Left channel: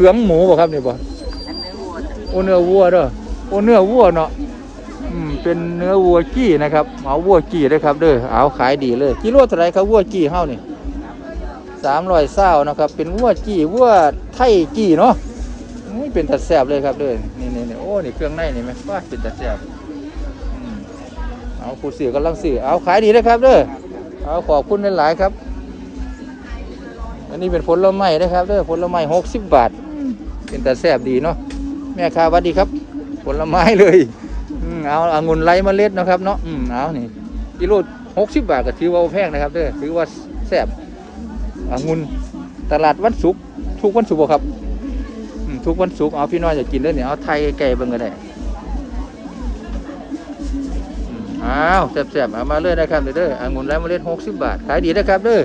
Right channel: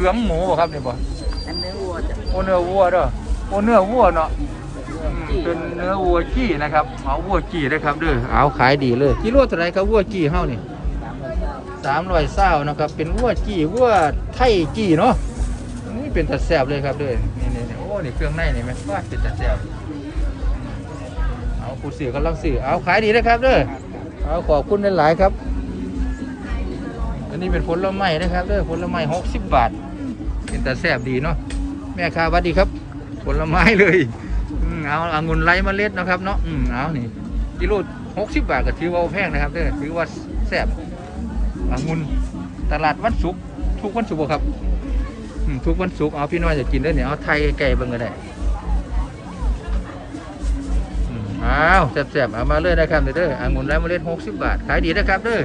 กับเขืองหมูบ่ครับนี่บ่อันเนื้อวัวจ้ะโอ้เนื้อวัวเด้อโอ้เนื้อวัวเนาะอืมเป็นเนื้อวัวกี้นะครับ เอาวัวกี้ได้อครับเด้อเอาขายดีเลยกิโลเท่าไหรครับวัวกี้เฮานี่สามร้อยเศร้านะครับ เป็นวัวกี้วัวไทยกี้เนาะนี่เป็นตัดแสบเลยครับเด้อนี่นี่นี่โอ้นี่เครื่องในนี่ไหมว่าเป็นตัดแสบอืมเอาผู้สื่อกำลังสื่อเอาขายดีเลยครับเด้อเอาขอบคุณหลายๆครับ อันนี้เป็นผลไม้นะครับเด้อผลไม้หกสิบบาท เป็นตัดแสบดีเนาะแม่ค้าวัดดีครับ ผลไม้เลยอืมเอาองุ่นไร้เมล็ดนะครับเนาะอืมเอานี่กิโลหกสิบบาทก็ถือว่าแพงนะครับเด้อถือว่าแซบอางุ่นตลาดวันศุกร์ทุกวันศุกร์ครับอืมทุกวันศุกร์เอาพี่น้อยอยากกินเลยเนี่ยเอาไทยไก่เบิ่งก็ได้อืมอ้าวแซ่บๆเอามาเลยนะครับเด้ออ่างุ่นไร้เมล็ดหกสิบบาทขายดีนะครับเด้อ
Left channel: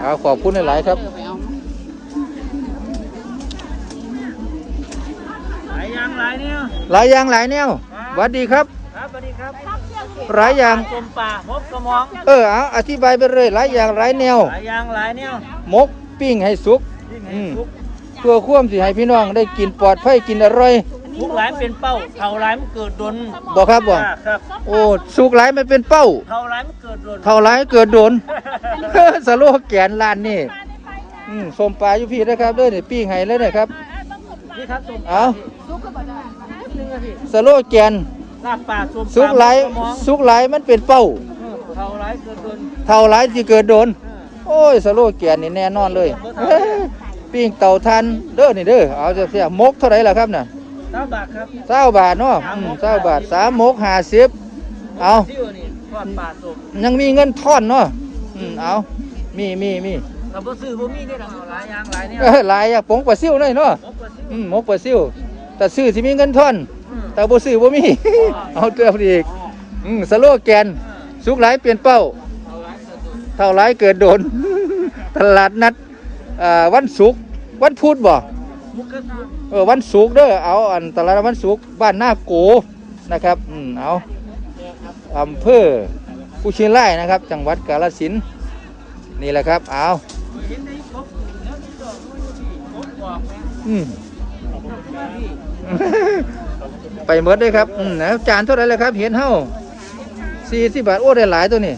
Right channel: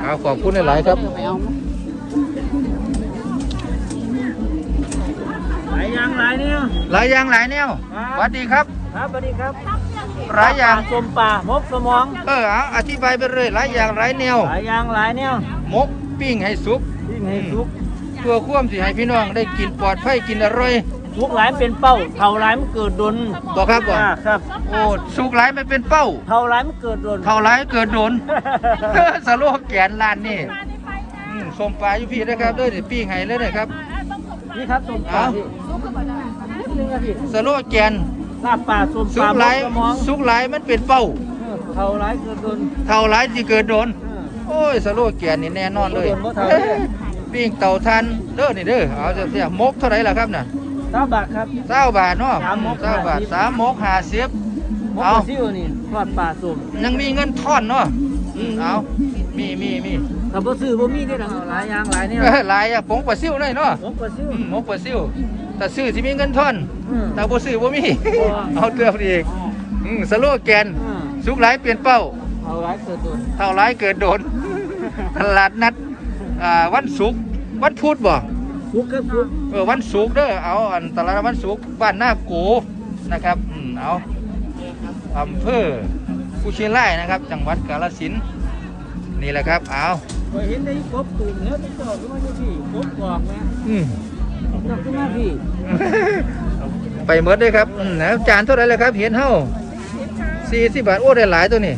เอาขอบคุณหลายๆครับ หลายอย่างหลายแนวครับสวัสดีครับ ครับสวัสดีครับหลายอย่างสมป่ามกสมอง เออเอาอธิบายไปเลยหลายอย่างหลายแนวหลายอย่างหลายนิ้วมกปิ้งให้สุกที่ไงสุกตัวควมสิให้พี่น้องได้กินปลอดภัยกินอร่อยสุกหลายเป็นเป้าเท่าหลายมันเกิดดนบอกครับว่าอ่าครับโอ้สุกหลายไม่เป็นเป้าเท่าหลายมันเกิดดนเท่าหลายเกิดโดนสโลแกนร้านนี่อืมส้มปลาอยู่พี่นะครับเด้อนี่ปิ้งให้เลยนะครับนี่ครับสมป่าเอา หนึ่งอาทิตย์สโลแกนลาบป่าสมสุป่ากมหลายกสมองสุกหลายมันเป็นเป้า เออเท่าหลายเกิดดนเท่าหลายที่เกิดโดน เออ โอ้ยสโลแกนนี่แน่นอนเลยบ่ทันปิ้งเต่าทันเด้อนี่เด้อเอาจะเสียมกเท่าไหร่ล่ะครับน่ะเก้าบาทครับเก้าบาทเนาะสามมกเก้าบาทสามมกห้าสิบเอา ซิวนี่ลาบป่าสมยังมีเงินทอนเนาะอืมเอา มีมีมีถ้าบ่ซื้อบ่มีนี่หรอกหลายอย่างหลายนิ้วเอ้ยหลายอะปงปลาซิ่วได้เนาะผมก็ซื้ออืมหมกปลาซิ่ว แต่ซื้อที่มีเงินทอนอืมแต่บ่ซื้อบ่มีเอาเตือนอีกอืมสโลแกนอืมสุกหลายเปลี่ยนเป้าเท่าหลายเกิดดนเท่าหลายเกิดโดนตลาดนัดอ่าวันศุกร์วันพุธบ่สุกก็สุกเออวันศุกร์เด้อเอาอันตลาดวันศุกร์บ้านหน้าโกนะครับอืมเอาอำเภอกุชิไลนะครับ จังหวัดกาฬสินธุ์นี่แหละครับเอาเคยเห็นในกบตื่นเนื้อต้องบอกว่ามั ไปหมดเลยครับอืมแล้วจานเท่าไหรเลยครับ เห็นเฮ้าสี่สิบบาท โอ้ได้หลายตัวนี่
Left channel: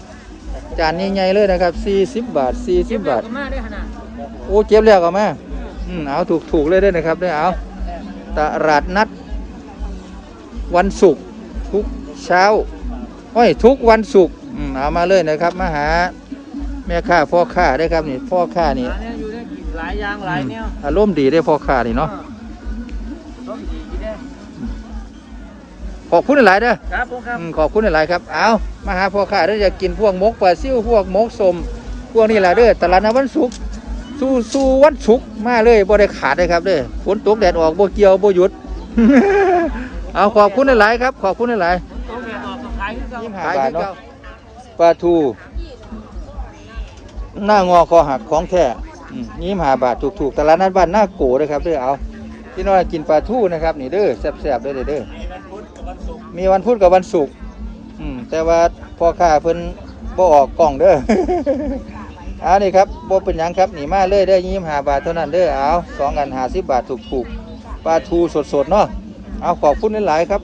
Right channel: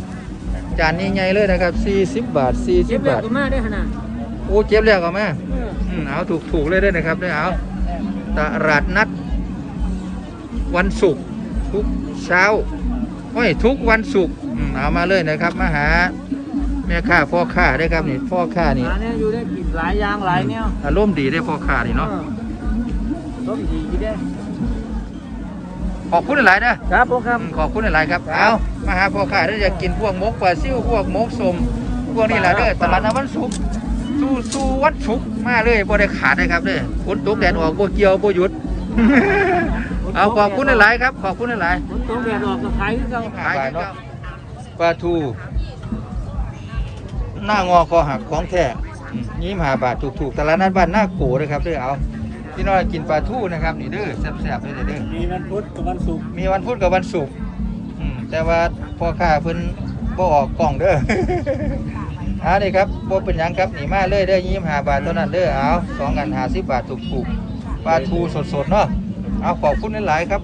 จานใหญ่ๆเลยนะครับสี่สิบบาทสี่สิบบาทมาได้ขนาดโอ้เก็บแล้วก็มาอืมเอาถูกถูกๆเลยเด้วยนะครับได้เอาตลาดนัด วันศุกร์ทุกเช้าโอ้ยทุกวันศุกร์อืมเอามาเลยนะครับ มาหา แม่ค้าพ่อค้าได้อครับนี่พ่อค้านี่หลายเนี่ยอยู่ได้กินหลายอย่างหลายเนี่ยอารมณ์ดีได้อพ่อค้านี่เนาะ ต้มดีที่ได้ขอบคุณหลายเด้อครับผมครับ อืมขอบคุณหลายๆครับ เอามาหาพ่อขายแล้วอยากกินพวกมกปลาซิ่วพวกมกสมพวกนี้แหละเด้อตลาดน้ำวันศุกร์สู้สู้วันศุกร์มาเลยบ่ได้ขาดเลยครับเด้อฝนตกแดดออกบ่เกี่ยวบ่หยุด เอาขอบคุณหลายๆครับ ขอบคุณหลาย ต้มแดดออกก็ขายที่เขาๆขายเนาะปลาทู หน้างอคอหักของแท้อืมนี่มาบาทถูกๆตลาดนั้นบ้านหน้าโกเลยครับเด้อเอา พี่น้อยกินปลาทูนะครับนี่เด้อแซ่บๆเลยเด้อมีวันพุธกับวันศุกร์มีวันพุธกับวันศุกร์อืมแต่ว่าพ่อค้าเพิ่นบ่ออกกล่องเด้อเอานี่ครับบ่เป็นหยังครับหนีมาเลยเด้อยี่สิบห้าบาทเท่านั้นเด้อเอาสองกันห้าสิบบาทถูกๆปลาทูสดๆเนาะเอาขอบคุณหลายๆครับ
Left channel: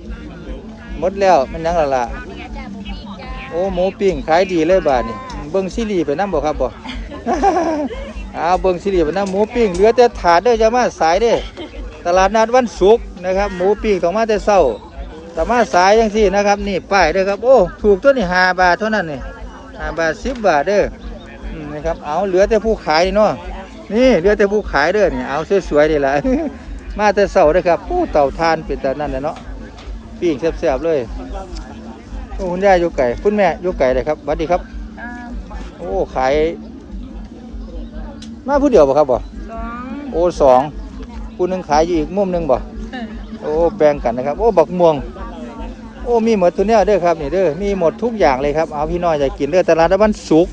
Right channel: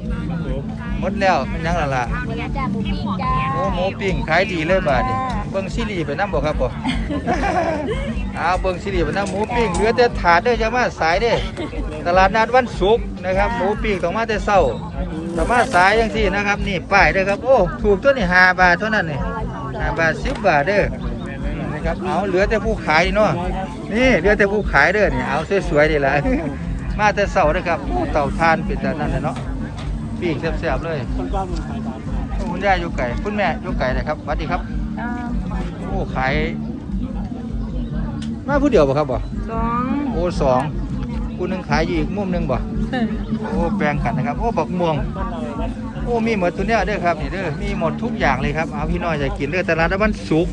หมดแล้วมันยังละล่ะโอ้หมูปิ้งขายดีเลยบาทนี่เบิ่งซีรีส์ไปน้ำบ่ครับบ่ เอาเบิ่งซีรีส์ไปน้ำหมูปิ้งเหลือแต่ถาดเด้อจะมาสายเด้อ ตลาดนัดวันศุกร์นะครับ หมูปิ้งต้องมาแต่เช้าสามารถสายยังสี่นะครับ นี่ป้ายเด้อครับ โอ้ ถูกตัวนี่ห้าบาทเท่านั้นนี่ห้าบาทสิบบาทเด้ออืมนะครับ เอาเหลือแต่ผู้ขายเนาะ นี่เหลือแต่ผู้ขายเด้อนี่ เอาสวยๆดีละมาแต่เสาเด้อครับโอ้เต่าทานเป็นแต่นั่นแหละเนาะปิ้งแซ่บๆเลยโอ้คุณย่าอยู่ไก่ คุณแม่อยู่ไก่เลยครับสวัสดีครับ โอ้ ขาย มาผู้เดียวบ่ครับบ่สองโอ้สอง ผู้หนึงขายอยู่อีกมุมหนึงบ่โอ้แบ่งกันนะครับ โอ้บักม่วง โอ้มีหมดตัวเนี้ยเด้อครับนี่เด้อมีหมดทุกอย่างเลยครับเอาพี่น้อยจะกินเด้อตลาดนัดวันศุกร์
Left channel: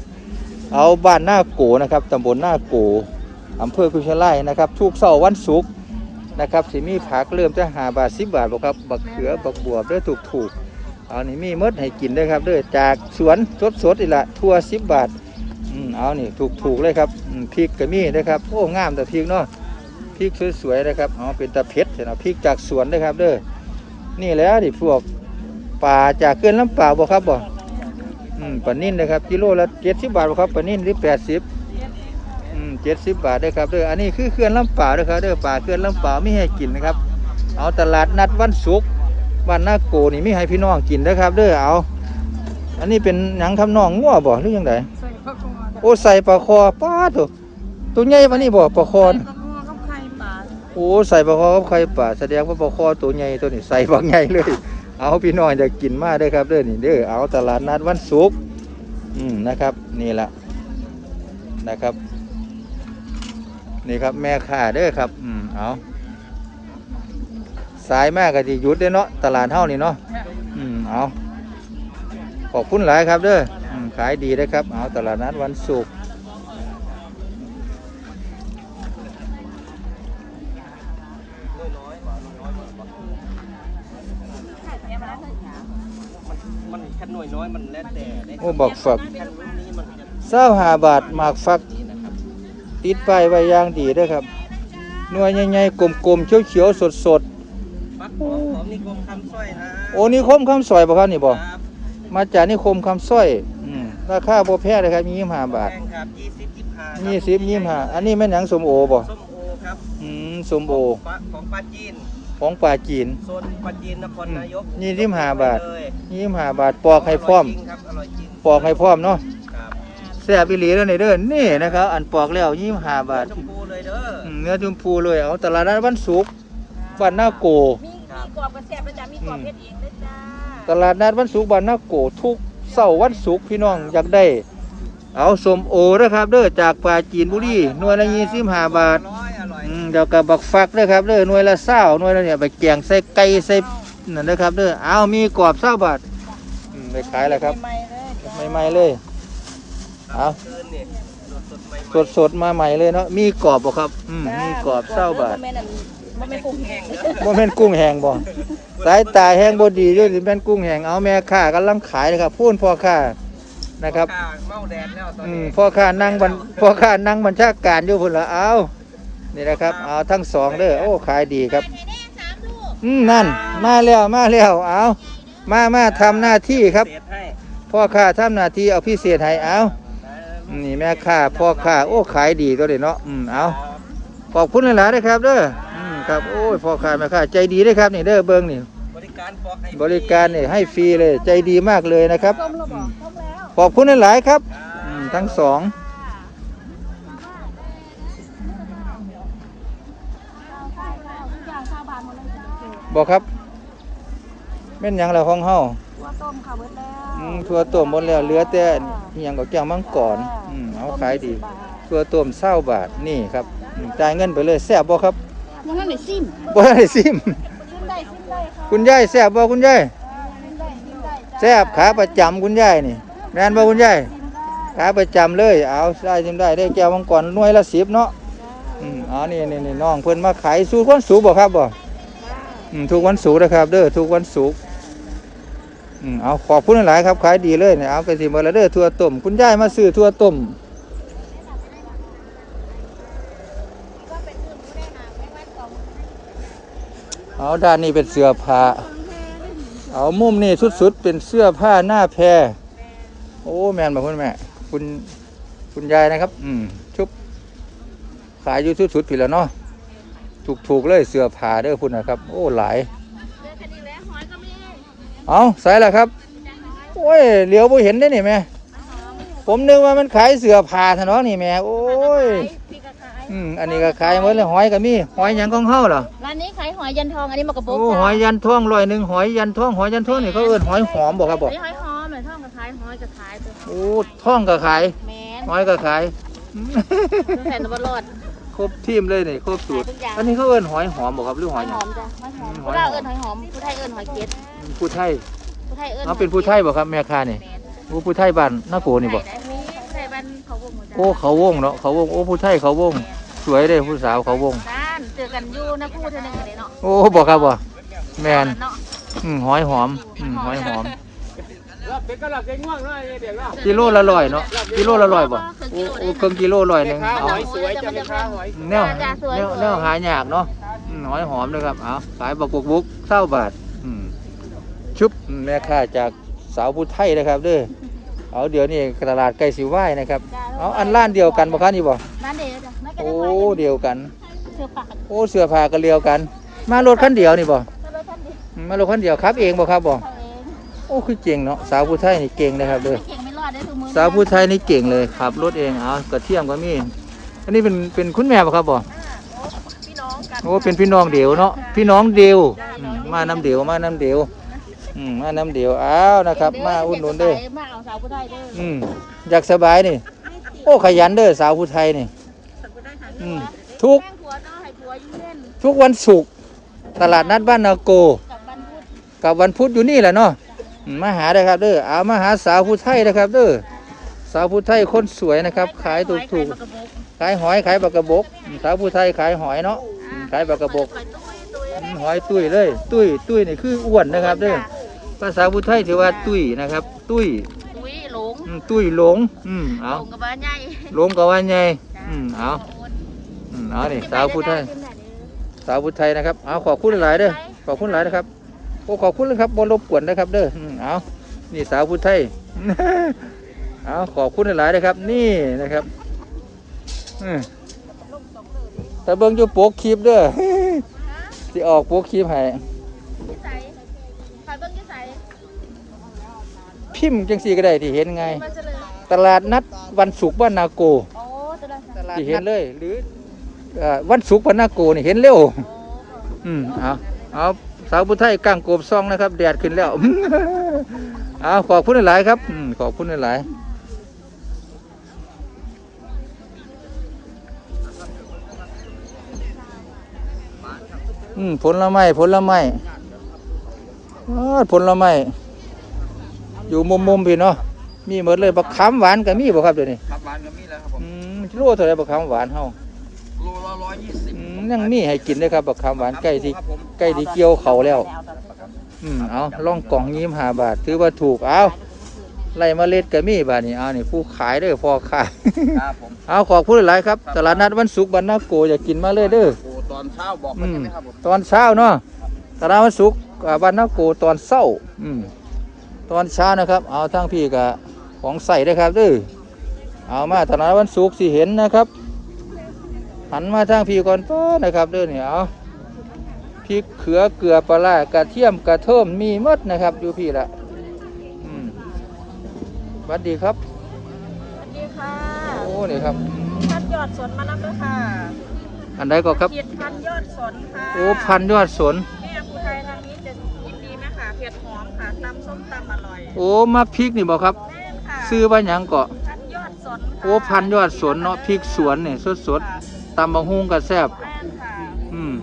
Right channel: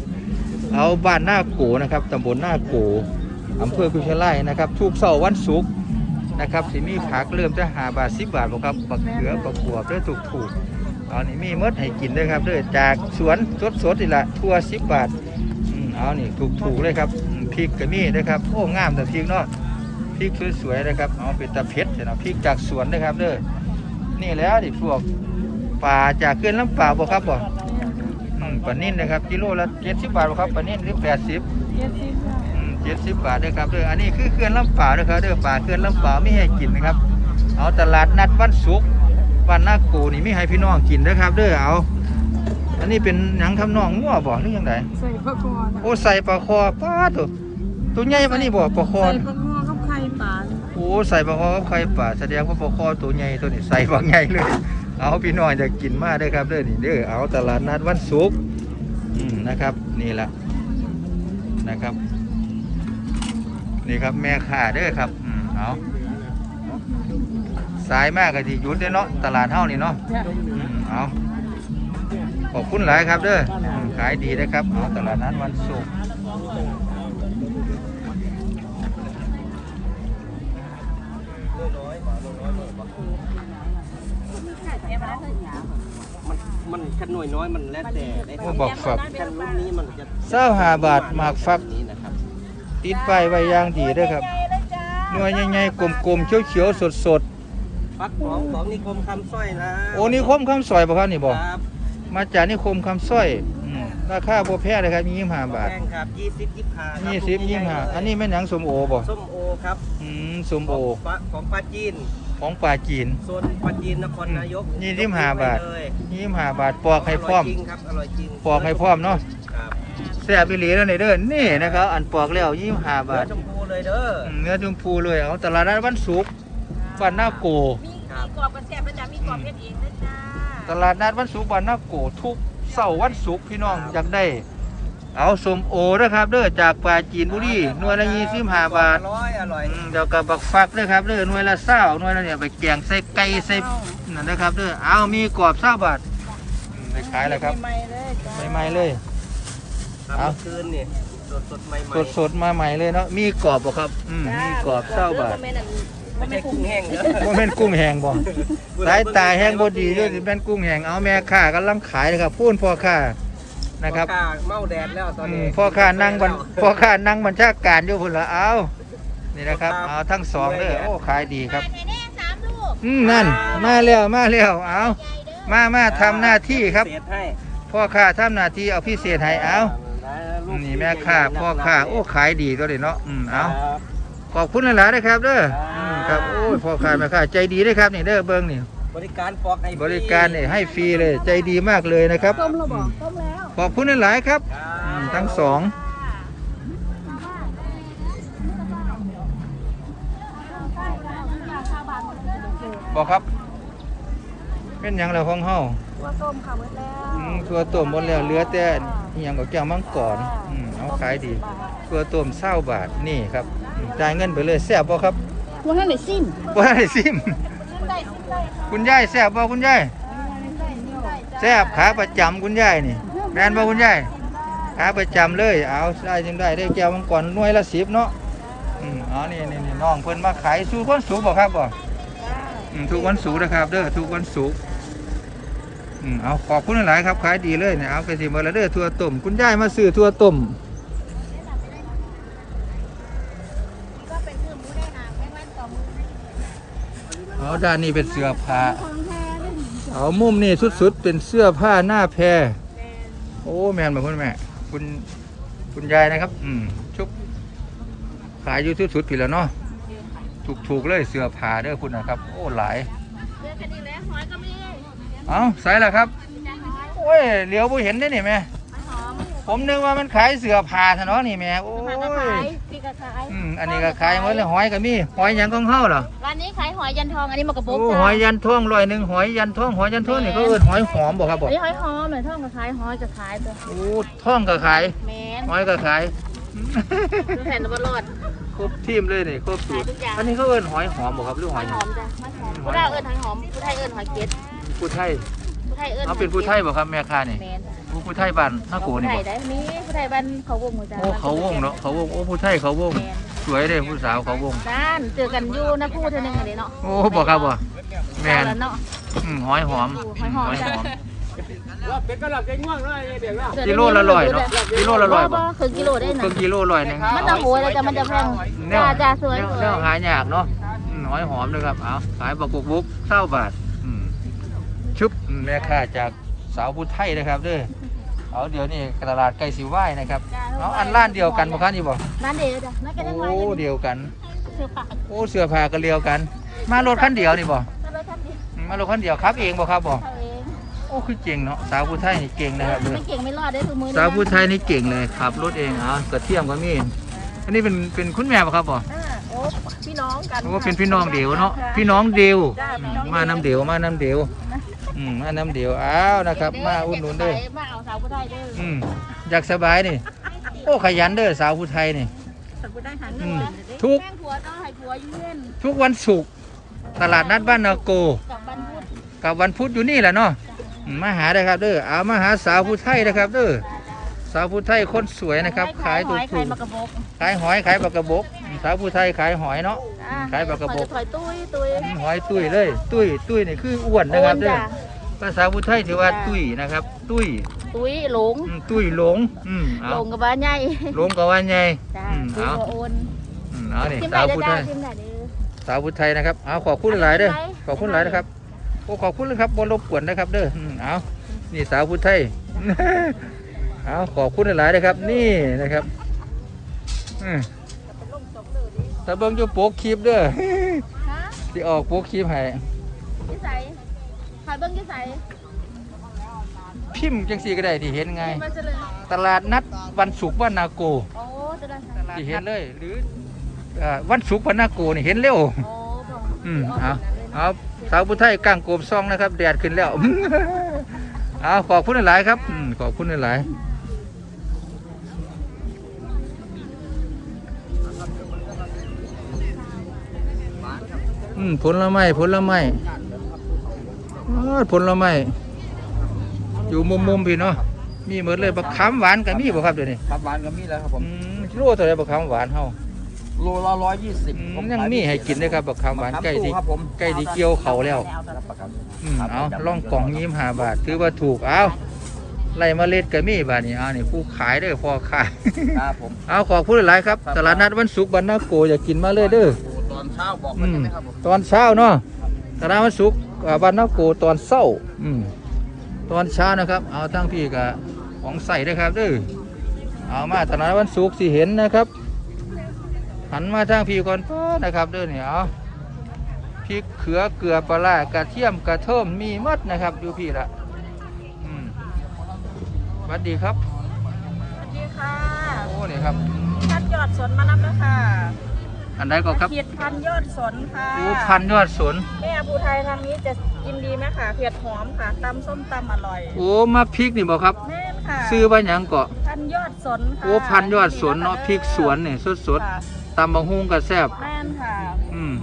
เอาบ้านหน้าโกนะครับตำบลหน้าโกอำเภอกุชไลนะครับทุกเสาร์วันศุกร์นะครับสิมีผักเริ่มจะหาบาทสิบบาทบ่ครับบักเขือบักบัวเด้อถูกถูกๆเอานี่มีหมดให้กินเด้อครับเด้อจากสวนสดสดๆนี่ละทั่วสิบบาทอืมเอานี่ถูกถูกๆเลยครับอืมพริกก็มีนะครับโอ้งามแต่พริกเนาะ พริกสวยๆนะครับเอาเป็นตะเพ็ดนะพริกจากสวนนะครับเด้อนี่แล้วดิพวกปลาจากเขื่อนลำปาวบ่ครับบ่อืมปลานิ่นนะครับกิโลละเจ็ดสิบบาทบ่ครับปลานิ่นหรือแปดสิบอืมเจ็ดสิบบาทเด้อครับเด้ออันนี้คือเขื่อนลำปาวเด้อครับเด้อปลาเขื่อนลำปาวไม่ให้กินนะครับ เอาตลาดนัดวันศุกร์วันนาโกนี่มีให้พี่น้องกินนะครับเด้อเอาอันนี้เป็นหนังทำนองงัวบ่หรือยังไงใส่ผักกอดโอ้ใส่ปลาคอป้าดตัวตัวใหญ่ปานนี้บ่ปลาคอ อ้ใส่ปลาคอกับไข่ป่าแสดงว่าปลาคอตัวใหญ่ตัวนี้ใส่บักใหญ่เลย เอาพี่น้องจะกินมากได้อครับเด้อนี่เด้อเอาตลาดนัดวันศุกร์อืมนะครับ นี่ละนะครับ นี่ครับแม่ค้าเด้อครับอืมเอาสายมากก็ที่ยุดเด้อเนาะตลาดเท่านี่เนาะอืมเอาขอบคุณหลายครับเด้อขายดีนะครับเอาตลาดนัดวันศุกร์ นขั้นหน่อยน้อยมันแล้วแต่ได้โอ้บอกฝักขั้นนี้มันจะเศร้าหาบาทหมากฟัก นี้นะครับติดไปไว้อย่างดีเด้อครับหน่วยใหญ่ๆกลมๆเขียวๆสดปักของของนิคมคำสร้อยนะๆโอ้นี่คมคำสอยบ่ครับนี่บ่ครับมาจากนิคมคำสร้อยอืมราคาบ่แพงเลยครับยี่สิบห้าบาทแพงครับยี่สิบยี่ห้ายี่สิบยี่สิบห้าอันนี้แม่นหยังสมโอบ่ส้มโอครับอืมสมโอของปลาของปลาจีน ของป่าจีนโซนปลาจีนนครนายกยี่สิบห้าบาท เลยยี่สิบห้าบาทปอกให้พร้อม ร่ยจริงครับอร่อยจริงปอกให้พร้อมเนาะครับแซ่บอีหลีเด้อนี่เด้อนี่นะครับ อันปอกแล้วยี่สิบห้าบาทเนื้อชมพูเลยเด้ออืมเนื้อชมพูเลยเอาตลาดนัดวันศุกร์บ้านนาโก ครับอืมตลาดนัดวันศุกร์บ้านนาโกทุกเสาร์วันศุกร์พี่น้องอยากได้ เอาสมโอนะครับเด้อจากปลาจีนบุรีหน่วยละยี่สิบห้าบาท อร่อยอร่อยอืม เดี๋ยวกับบักฟักนะครับเด้อหน่วยละเศร้าหน่วยละเนี่ยไปแกงใส่ไก่ใส่นั่นนะครับเด้อเอามีกรอบเศร้าบาทอืมไปขายแล้วครับใหม่ๆเลยเอาคืนนี่สดสดๆใหม่สดสดๆมาใหม่เลยเนาะมีกรอบบ่ครับอืมมีกรอบเศร้าบาทไม่ใช่กุ้งแห้งเด้อบ่แม่นกุ้งแห้งบ่สายตาแห้งบ่ดีเด้สิเป็นกุ้งแห้งเอาแม่ค้ากำลังขายนะครับพูนพ่อค้านะครับข้าเมาแดดแล้วตอนอืนี้ มพ่อค้านั่งบันพ่อค้านั่งบัญชาการอยู่พุ่นละเอา นี่นะครับเอาทั้งสองเด้อโอ้ขายดีครับอืมนั่นมาแล้วมาแล้วเอามามาทำหน้าที่ครับเศษให้พ่อค้าทำหน้าที่เอาพิเศษให้เอานี่แม่ค้าพ่อค้าโอ้ขายดีก็เลยเนาะอืมเอาขอบคุณหลายๆนะครับเด้ออืมครับโอ้ยพ่อค้าแม่ค้าใจดีเลยครับนี่เด้อเบิ้งนี่บริการฟอกให้บริการเนี่ยให้ฟรีเลยใจดีมากเลยนะครับอืมขอบคุณหลายๆครับอืมทั้งสอง บอกครับแม่นหยังแล้วของเฮาอืมตัวต้มหมดแล้วเหลือแต่อหยังกับแก้วมังกรอืมเอาขายดีตัวต้มเศร้าบาทนี่ครับอืมจ่ายเงินไปเลยแซ่บบ่ครับวันนั้นได้ซิมบ่ได้ซิมคุณยายแซ่บบ่คุณยายแซ่บขาประจำคุณยายนี่แม่นบ่คุณยายขาประจำเลย เอาได้จังได้ได้แก้วมังกรหน่วยละ10เนาะอืมอ๋อนี่นี่นี่น้องเพิ่นมาขายสู่วันศุกร์บ่ครับบ่อืม ทุกวันศุกร์นะครับ เด้อทุกวันศุกร์เอาขอบคุณหลายครับขายดีเลยเนี่ยเอาไปสิเบ่ละเด้อทัวต้มคุณยายมาซื้อทัวต้มเอาด้านนี้เป็นเสื้อผ้าเอามุมนี่สุดๆเป็นเสื้อผ้าหน้าแพรโอ้แมนบอกคุณแม่คุณคุณยายนะครับ อืมชุบขายอยู่สุดๆผิดแล้วเนาะ ถูกถูกๆเลยเสื้อผ้าเด้อคุณนะครับ โอ้หลายเอาใส่แล้วครับโอ้ยเหลียวไ่เห็นได้นี่แม่ผมนึกว่ามันขายเสื้อผ้าทะเนาะนี่แม่โอ้ยอืมอันนี้ก็ขายหมดเลยหอยก็มีหอยหยังของเฮาเหรอวันนี้ขายหอยยันทองอันนี้หมกกระปุกโอ้หอยยันท่องร้อยหนึ่งหอยยันท่องหอยยันท่องนี่เขาเอิ้นหอยหอมบ่ครับบ่อันนี้หอยหอมหอยทองก็ขายหอยก็ขายตัวโอ้ท่องก็ขายแมนหอยก็ขายแทนตัวบลอด ครบทีมเลยนี่ครบสูตรทุกอย่างอันนี้เขาเอิ้นหอยหอมบ่ครับหรือหหออยยหหยัองมจ้ะหอยหอมผู้ไทยเอิญหอยหอมผู้ไทยเอิญหอยเก็ดผู้ไทยผู้ไทยเอิญเขาเป็นผู้ไทยบ่ครับแม่ค้านี่แมนโอ้ผู้ไทยบ้านนาโกนี่บ่ผู้ไทยได้มีผู้ไทยบ้านเขาวงหัวใจโอ้เขาวงเนาะเขาวงโอ้ผู้ไทยเขาวง แมนสวยเลยผู้สาวเขาวง ด้านเจอกันอยู่นะพูดเท่านึงกันเลยเนาะโอ้บอกครับบ่แม่นเอาละเนาะ อืมหอยหอมหอยหอมหอ ยหอมลาบเป็ดก็ลาบเป็ดง่วงเนาะไอ้เด็กเนาะกิโลละร้อยเนาะกิโลละร้อยบ่คือกิโลได้ครึ่งกิโลร้อยหนึงเอา โอ้ยแต่มันจะแพงแนวจ้าจ้าสวยแนวแนวหายากเนาะอืมหอยหอมเลยครับเอาขายบักบุกบุกเศร้าบาทอืมชุบแม่ค้าจากสาวผู้ไทยนะครับเด้วยเอาเดี๋ยวนี้ตลาดไก่สิไหวนะครับเอาอันร้านเดียวกันบ่คะนี่บ่ร้านเดียวจ้ะไม่ก็โอ้ได้ร้อยเดียวกัน เสียปากโอ้เสื้อผ้าก็เดียวกัน มารถคันเดียวนี่บ่ถ้ารถท่านดีอืมมารถคันเดียวครับเองบ่ครับบ่เขาเอง โอ้คือเก่งเนาะสาวผู้ไทยนี่เก่งนะครับเด้อไม่เก่งไม่รอดได้ทุกมือสาวผู้ไทยนี่เก่งเลยขับรถเองอ๋อกระเทียมก็มีอันนี้เป็นเป็นคุณแม่บ่ครับบ่โอ้พี่น้องกันโอ้เป็นพี่น้องเดียวเนาะพี่น้องเดียวอืมมาน้ำเดียวมาน้ำเดียวอืมมาน้ำเดียวอ้าวนะครับ มาอุ่นหนุนเด้อมาเอาสาวผู้ไทยเด้ออืมอยากสบายนี่ โอ้ขยันเด้อสาวผู้ไทยนี่สาวผู้ไทยหันอืหัมวทุกแป้งผัวต้องให้ผัวยืนทุกวันศุกร์ตลาดนัดบ้านนาโก กับบันพุธกับวันพุธอยู่นี่แหละเนาะอื มมาหาได้ครับเด้อเอามาหาสาวผู้ไทยนะครับเด้อสาวผู้ไทยคนสวยนะครับ ขายถูกถูกขายมากระบอกขายหอยขายปลากระบกอืมสาวผู้ไทยขายหอยเนาะอ่ขายปลากระบอกถอยตุ้ยตุ้ยอืมหอยตุ้ยเลย ตุ้ยตุ้ยนี่คืออ้วนนะครับเด้อจ้ภาษาผู้ไทยถือว่าตุ้ยนะครับ ตุ้ยตุ้ยหลงอืมตุ้ยหลงอืมหลเอางกับบ้านใหญ่หลงกับว่าไงจ้าอืมตุ้ยเอาหัวโอนอืมเอานี่ทิมสาวได้ผู้ไทจ้ายทิมได้เด้อสาวผู้ไทยนะครับเอาขอบคุณหลายๆเด้อขอบคุณหลายนะครับโอ้ขอบคุณเลยครับบนรบกวนนะครับ เด้ออืมเอานี่สาวผู้ไทยเอาขอบคุณหลายๆนะครับ นี่นะครับอืมแต่เบิ้งจะโปกคลิปเด้อฮะที่ออกโปกคลิปให้ยี่ใสขายเบิ้งยี่ใสพิมพ์จังสีก็ได้ที่เห็นไงมาเฉลยตลาดนัดวันศุกร์บ้านนาโกโอ้จะได้ค่ะที่เห็นเลยหรือเอ่อวันศุกร์บ้านนาโกนี่เห็นเร็วโอ้ก็อืมเอาเอา สาวผู้ไทยก้างโกบซองนะครับแดดขึ้นแล้วเอาขอบคุณหลายๆครับอืมขอบคุณหลายๆอืมผลไม้ผลไม้อ้าวผลไม้อยู่มุมมุมๆพี่เนาะมีหมดเลยบักขามหวานก็มีบ่ครับเดี๋ยวนี้ครับหวานก็มีแล้วครับผมอืมโลเท่าไหรบักขามหวานเฮา โลละร้อยยี่สิบอืมยังมีให้กินเลยครับบักขามหวานใกล้ดีครับผมใกล้ดีเกี่ยวเขาแล้วครับอืมเอาล่องกล่องยิ้มหาบาท ถือว่าถูก เอาไล่เมาเล็ดก็มีบาทนี่เอานี่ผู้ขายเด้อพอขาย ครับผม เอาขอบคุณหลายๆครับตลาดนัดวันศุกร์บันนาโกอยากกินมาเลยเด้อ โอ้ตอนเช้าบอกอืมครับผมตอนเช้าเนาะตลาดวันศุกร์อ่าบันนาโกตอนเช้า อืม ตอนเช้านะครับ เอาทั้งพี่กับของใส่ด้วยครับเด้อ เอามาตลาดวันศุกร์สิเห็นนะครับ หันมาทางพี่ก่อนป้อนะครับเด้อเนี่ยเอาพริกเขือเกลือปลาร้ากระเทียมกระเทิมมีหมดนะครับอยู่พี่ละอืมสวัสดีครับสวัสดีค่ะโอ้นี่ครับพันยอดสนมานำแล้วค่ะ อันใดก็ครับเขียดพันยอดสนค่ะโอ้พันยอดสนแม่ภูไทยทางนี้จะกินดีไหมคะเผ็ดหอมค่ะตำส้มตำอร่อยโอ้มักพริกนี่บอกครับแม่นค่ะซื้อว่าหยังเกาะพันยอดสนค่ะโอ้พันยอดสนเนาะพริกสวนนี่สดค่ะๆ ตำบังฮุงกับแซบแม่นค่ะ อืม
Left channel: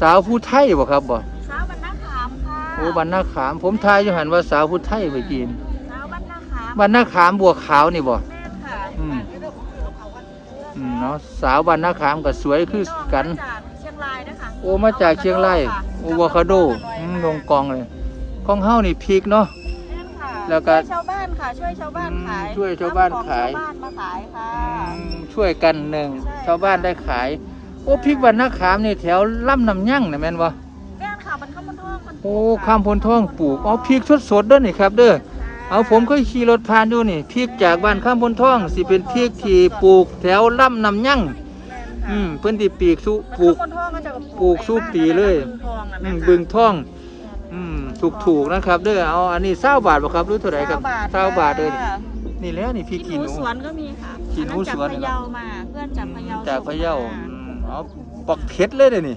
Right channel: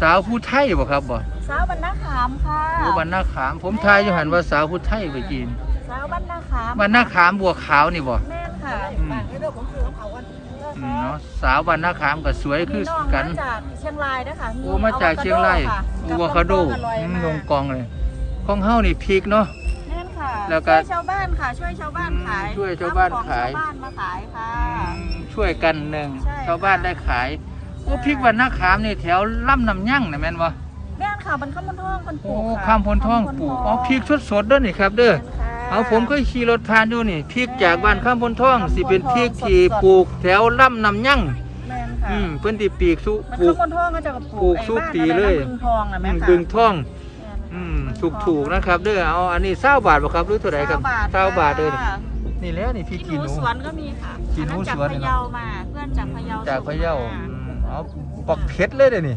สาวผู้ไทยบ่ครับบ่สาวบรรณาขามค่ะโอ้บันนาขาม ผมทายอยู่หันว่าสาวผู้ไทยไปจีนสาวบรรณาขามบันนาขามบัวขาวนี่บ่แม่นค่ะอืมอืมเนาะสาวบันนาขามก็สวยคือพี่น้องกันมาจากเชียงรายนะคะโอ้มาจากเชียงรายโอวาคาโดอร่อยอืมมากลงกองเลยของเฮานี่พริกเนาะ แม่นค่ะแล้วก็ช่วยชาวบ้านค่ะ ช่วยชาวบ้านขายอืมช่วยชาวบ้านขายเอของชาวบ้านมาขายค่ะ ช่วยกันหนึ่งใช่ชาวบ้านได้ขายโอ้พริกบันนาขามนี่แถวล่ำน้ำยั่งนะแม่นบ่แม่นค่ะมันข้ามพนท่องคนปลูโอ้กค่ะข้ามพนท่องปลูกเอาพริกสดๆเด้อนี่ครับเด้อค่ะเอาผมเคยขี่รถผ่านอยู่นี่พริกจากบ้านข้ามพนท่องสิเป็นพริกที่ปลูกแถวล่ำน้ำยั่งแม่นค่ะอืมเพิ่นที่ปีกสุมันปลูข้าก มพนท่องก็จะปลูกสู้ปีเลย ไอ้บ้านอะไรนะบึงทองนะอืแม่มค่ะบึงท่องแม่นอืมถูกถูกๆนะครับ เด้อเอาอันนี้เศร้าบาทบ่ครับหรู้เท่าไหร่ครับเศร้าบาทเลยนี่แหล้วนี่พริกขี้หนู สวนก็มีค่ะ ขี้หนูสวนนี่นี่เนาะมาเพื่อนจากพะเยาจากพะเยาอืมเอาปักเผ็ดเลยเด้อนี่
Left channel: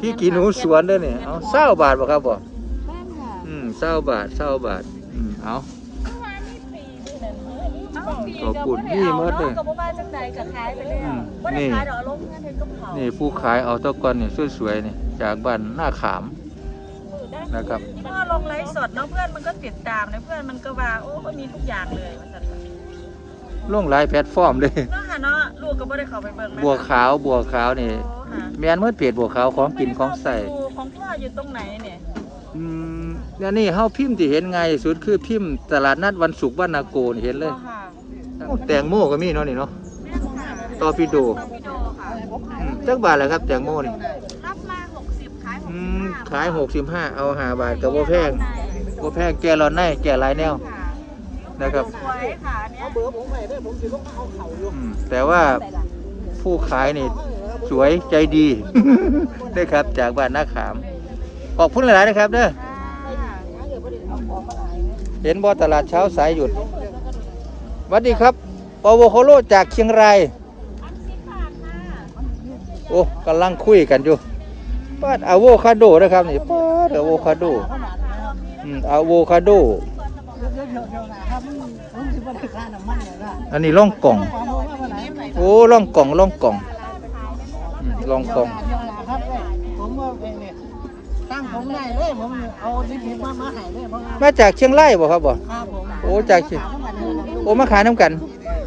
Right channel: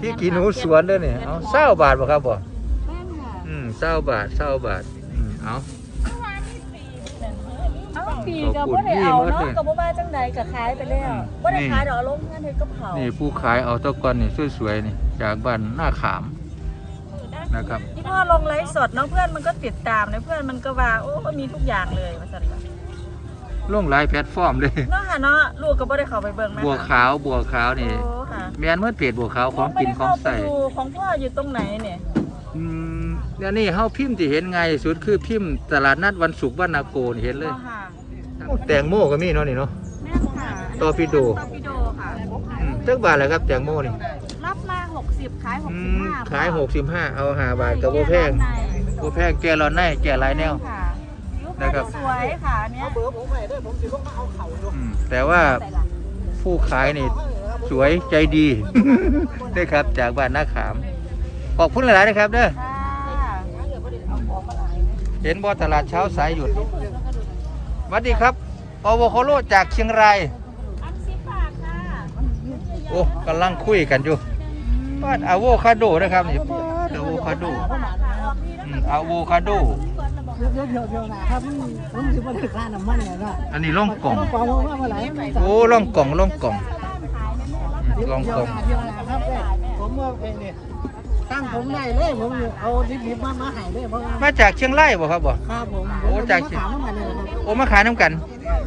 พริกขี้หนูสวนเด้อนี่เอาเศร้าบาทบ่ครับบ่แม่นค่ะอืมเศร้าบาทเศร้าบาทอืมเอาเอ้าปีก็บ่ได้เอาเนาะก็บ่ว่าจังใดก็ขายไปแล้วบ่ได้ขายดอกเอาลงเงินเฮ็ดกับเขาวนี่ผู้ขายเอาเท่าก่อนนี่สวยๆนี่จากบ้านหน้าขามนะครับที่พ่อลงไลฟ์สดเน้องเพื่อนมันก็ติดตามนะเพื่อนมันก็ว่าโอ้มีทุกอย่างเลยว่าซั่นล่ะ ลงหลายแพลตฟอร์มเลย เนาะค่ะเนาะลูกก็บ่ได้เข้าไปเบิ่งแม่บัวค่ะขาวบัวขาวนี่ โอ้ค่ะแมนเมื่อเพจบัวขาวของกินของใส่ไม่ได้เข้าไปดูของพ่ออยู่ตรงไหนเนี่ยอืมเนี่ยนี่เฮาพิมพ์ที่เห็นไงายสุดคือพิมพ์ตลาดนัดวันศุกร์บ้านนาโกนเห็นเลยบ่ค่ะโอ้แตงโมก็มีเนาะนี่เนาะ แม่นค่ะตอร์ปิโด ตอร์ปิโดค่ะ อืมจักบาทแหละครับแตงโมนี่รับมา 60ขายอืม65ขาย65เอา5บาทก็บ่แพงบ่แพงแก่ร้อนในแก่หลายแนว ค่ะนะครับ สวยค่ะอันเนี้ยอืม แต่ว่าผู้ขายนี่สวยใจดีได้ครับ จากบ้านนาขาม ขอบคุณหลายๆนะครับเด้อค่ะเห็นบ่ตลาดเช้าสายหยุดสวัสดีครับปวโคโลจากเชียงรายโอ้กำลังคุยกันอยู่ปาดอะโวคาโดนะครับนี่ปาดอะโวคาโดอืมอะโวคาโด แล้วเดี๋ยวเดี๋ยวนะครับผมจะไม่ได้ค่าน้ำมันเลยนะอันนี้ล่องกล่อง กองว่าเมื่อไหร่โอ้ล่องกล่องล่องกล่องอืมล่องกล่อง เดียวนะครับผมว่าเป็นเนี่ยตั้งผมได้เลยผมเอาดิบๆมามาให้เลยเพราะว่ามาจากเชียงรายบ่ครับบ่ครับผมโอ้ใจถามมาเลยนะครับโอ้มาขายน้ำกัน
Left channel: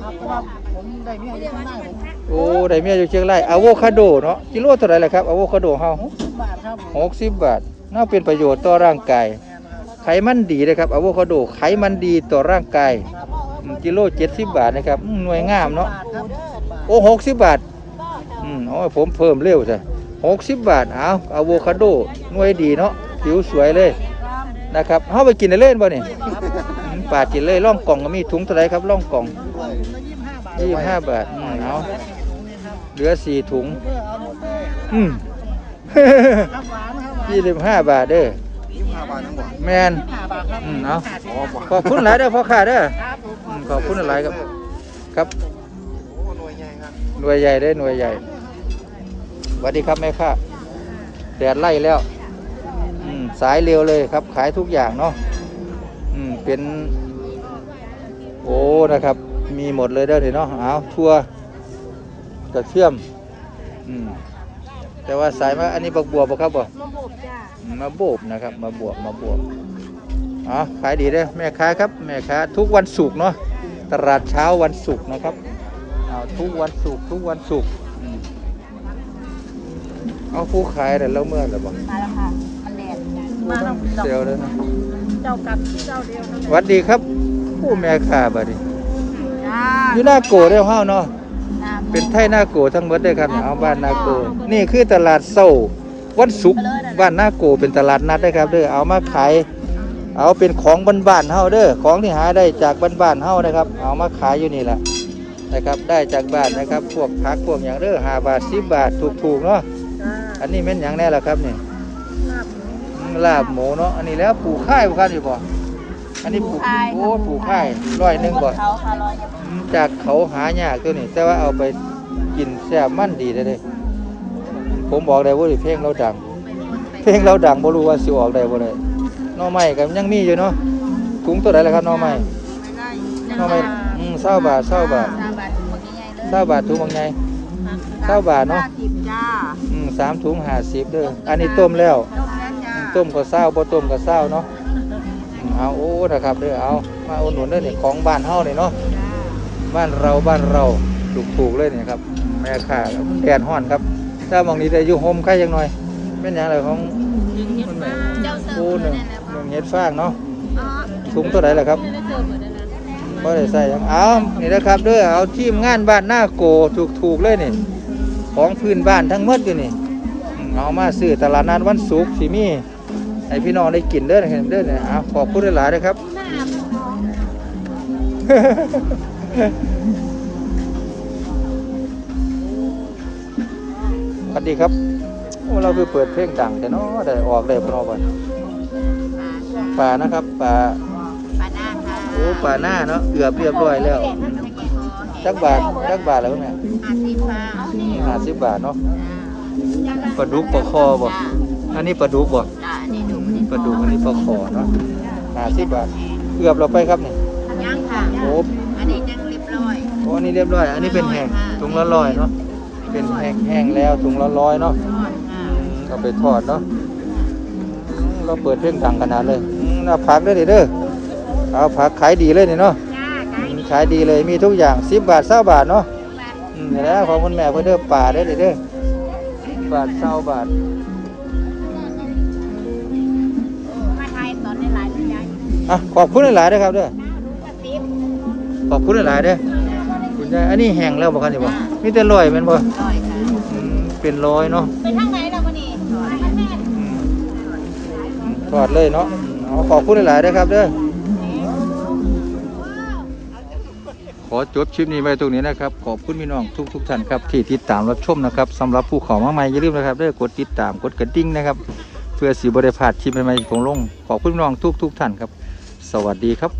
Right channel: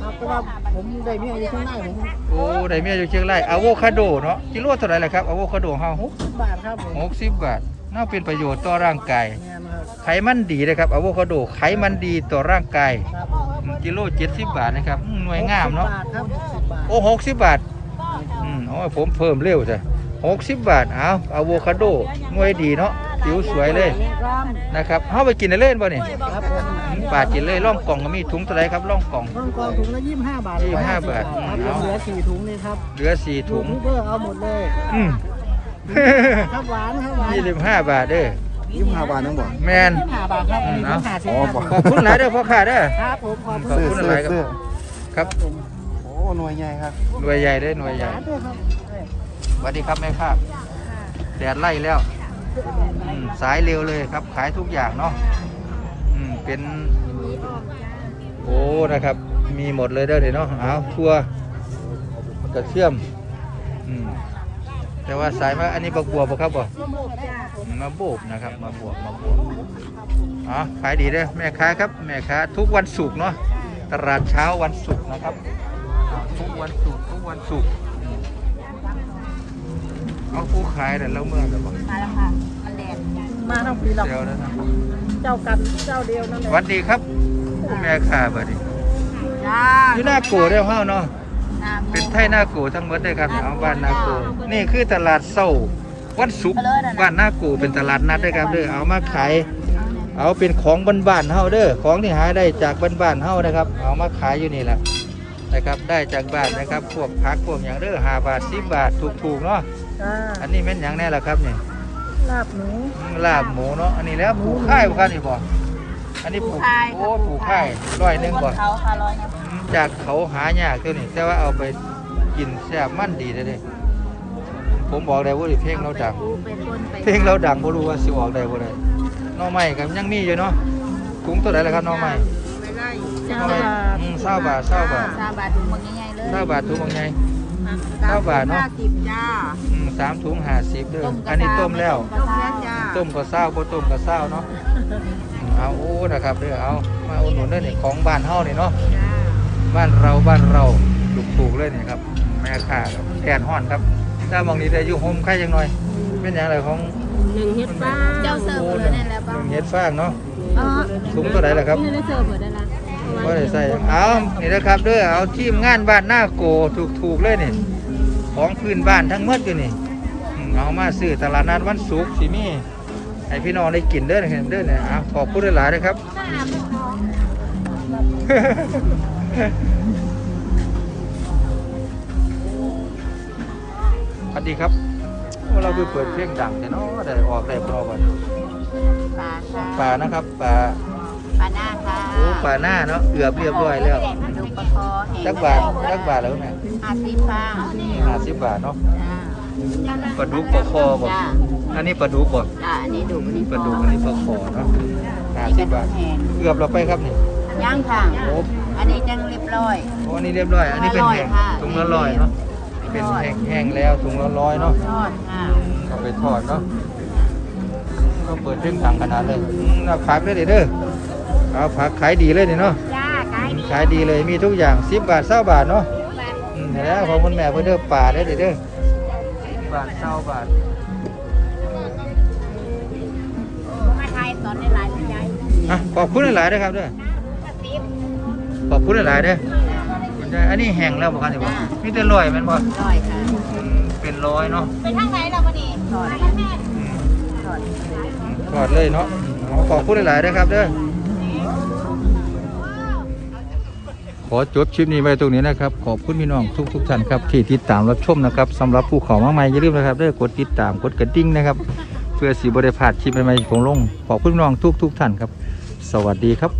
ครับแต่ว่าผมได้เมียอยู่ข้างหน้าผมโอ้ได้เมียอยู่เชียงรายอะโวคาโดเนาะกิโลเท่าไหร่ล่ะครับอะโวคาโดเฮาหกสิบบาทครับผมหกสิบบาทน่าเป็นประโยชน์ต่อร่างกาย แม่นครับ ไขมันดีนะครับอะโวคาโดไขมันดีต่อร่างกายครับผมอืมกิโลเจ็ดสิบบาทนะครับอืมหน่วยงามเนาะบาทครับสิบบาท โอ้หกสิบบาท อืมโอ้ยผมเพิ่มเร็วใช่หกสิบบาท เอาอะโวคาโดหน่วยดีเนาะผิวสวยเลย นะครับเฮาไปกินได้เล่นป่ะนี่ครับผมอืมปาดกินเลยล่องกล่องก็มีถุงเท่าไหรครับล่องกล่อง ต้นกองถุงละยี่สิบห้าบาทยี่สิบห้าบาทครับเนาะเหลือสี่ถุงนี่ครับเหลือสี่ถุงเพื่อเอาหมดเลย อืม ครับหวานครับหวานยี่สิบห้าบาทเด้อ ยี่สิบห้าบาทนั่นหมดแมนยี่สิบห้าบาทครับอันนี้อืมผมขาดสิครับผมขอบคุณหลายเด้อพ่อค้าเด้อครับผมขอบขอบคุณหลายครับครับผมโอ้หน่วยใหญ่ครับหน่วยใหญ่เด้อหน่วยใหญ่สาธุครับสวัสดีครับแม่ค้าค่ะแดดไล่แล้วอืมสายเร็วเลยครับ ขายทุกอย่างเนาะอืมเป็น โอ้นะครับ มีหมดเลยเด้อเดี๋ยวเนาะเอาทั่วกระเชื่อม อืมแต่ว่าสายมาอันนี้บักบัวบ่ครับบ่ล มบจ้ามาโบกนะครับ มาบวกมาบวกอ๋อขายดีเด้อแม่ค้าครับแม่ค้าทุกวันศุกร์เนาะตลาดเช้าวันศุกร์นะครับเอาทุกวันศุกร์ทุกวันศุกร์อืมเอาผู้ขายแต่แล้วเมื่อไหร่บ่มาแล้วค่ะมันแดดมาทั้งปีหรอกเซลเลยเจ้ากันเจ้าเดียวนั่นแหสละวัสดีครับ ผู้แม่ค้าบัดนี้จ้าอยู่หน้าโกเด้อเฮาเนาะน้ำเป็นไทยหน้าโกทั้งหมดได้อครับเอาบ้านหน้าโกนี่คือตลาดเศร้าวันศุกร์ บ้านหน้าโกเป็นตลาดนัดได้ครับเด้อเอามาขายเอาเป็นของบ้านๆเฮาเด้อของที่หาได้จากบ้านๆเฮานะครับ เอามาขายอยู่นี่แหละนะครับได้จากบ้านนะครับ พวกผักพวกอย่างเด้อห้าบาทสิบบาทถูกๆเนาะอันนี้เป็นอย่างแน่ละครับนี่ลาบหนูลาบหมูเนาะอันนี้แล้วปลูกข้ายบ่ครับนี่บ่อันนี้ปลูกโอ้ปลูกข้ายร้อยหนึ่งบ่เขาค่ะร้อยจากเขาหายากตัวนี้แต่ว่าเอาไปกินแซ่บมันดีเลยเด้ผมบอกได้ว่าเพลงเราดัง เพลงเราดังบ่รู้ว่าสิออกได้บ่ได้หน้อไม้ก็ยังมีอยู่เนาะถุงตัวไหนล่ะครับหน้อไม้ไม่ไล่หน้อไม้อืมเศร้าบาทเศร้าบาทซาบาทถุงบางใหญ่ๆเลยเศร้าบาทถุงบางไงเก้าบาทเนอะสิบจ้าอืมสามถุงห้าสิบเด้ออันนี้ต้มแล้ว ต้มแล้วจ้าต้มก็เศร้าบ่ต้มก็เศร้าเนาะอืมเอาโอ้นะครับเด้อเอามาอุดหนุนเด้อนี่ของบ้านเฮานี่เนาะบ้านเราบ้านเราถูกถูกๆเลยนี่ครับแม่ข่าแดดห้อนครับถ้ามองนี้แต่ยุ่งโฮมใครยังหน่อย เป็นอย่างไรของเจ้าเสิร์ฟโอ้เลหนึ่ยงแล้วหนึ่งเฮ็ดฟางเนาะเออถุงตัวไหนล่ะครับไม่ได้เสิร์ฟเลยนะไม่ได้ใส่เอานี่นะครับเด้อเอาทีมงานบ้านหน้าโกถูกถูกๆเลยนี่ของพื้นบ้านทั้งหมดอยู่นี่เอามาซื้อตลาดนัดวันศุกร์สิมีให้พี่น้องได้กินเด้อเห็นเด้อเนี่ยเอาขอบคุณหลายๆนะครับสวัสดีครับโอ้ เราไปเปิดเพลงดังแต่เนาะได้ออกได้พนอก่อนปลาค่ะป่านะครับป่าปลาหน้าค่ะโอ้ป่าหน้าเนาะเกือบเรียบร้อยแล้วลูกปลาคอแห้งจักบาทจักบาทแล้วเนี่ยห้าสิบป้าห้าสิบบาทเนาะจ้าปลาดุกปลาคอบ่จ้าอันนี้ปลาดุกบ่จ้าอันนี้ดูอันนี้ปลาดุกอันนี้ปลาคอเนาะห้าสิบบาทเกือบเราไปครับเนี่ยย่างค่ะโอ้อันนี้จังเรียบร้อยโอ้อันนี้เรียบร้อย อันนี้เป็นแห้งถุงละร้อยเนาะเป็นแห้งแห้งแล้วถุงละร้อยเนาะทอดค่ะเอา ไปทอดเนาะเราเปิดเพลงดังขนาดเลยเอาผักได้เลยเด้อเอาผักขายดีเลยนี่เนาะจ้าไก่อืมขายดีเลยมีทุกอย่างสิบบาทเศร้าบาทเนาะบาทอืมนี่แหละของคุณแม่เพื่อเด้อป่าได้เลยเด้อสิบบาทเศร้าบาทก็มาไทยตอนอนในหลายใหญ่อะขอบคุณหลายๆเด้อครับเด้อขอบคุณหลายๆเด้อกินได้อันนี้แห้งแล้วบอกกันอยู่บ่มีแต่ลอยแม่นบ่ร้อยค่ะอืมเป็นลอยเนาะ ถอดถอดถอดเลยเนาะเอาขอบคุณหลายๆเด้อครับเด้อขอจบคลิปนี้ไว้ตรงนี้นะครับ ขอบคุณพี่น้องทุกทุกๆท่านครับที่ติดตามรับชมนะครับสำหรับผู้เขอมาใหม่อย่าลืมนะครับเด้อกดติดตามกดกระดิ่งนะครับ เพื่อสีบริพาดที่ใหม่ๆของลง ขอบคุณพี่น้องทุกทุกท่านครับ สวัสดีครับ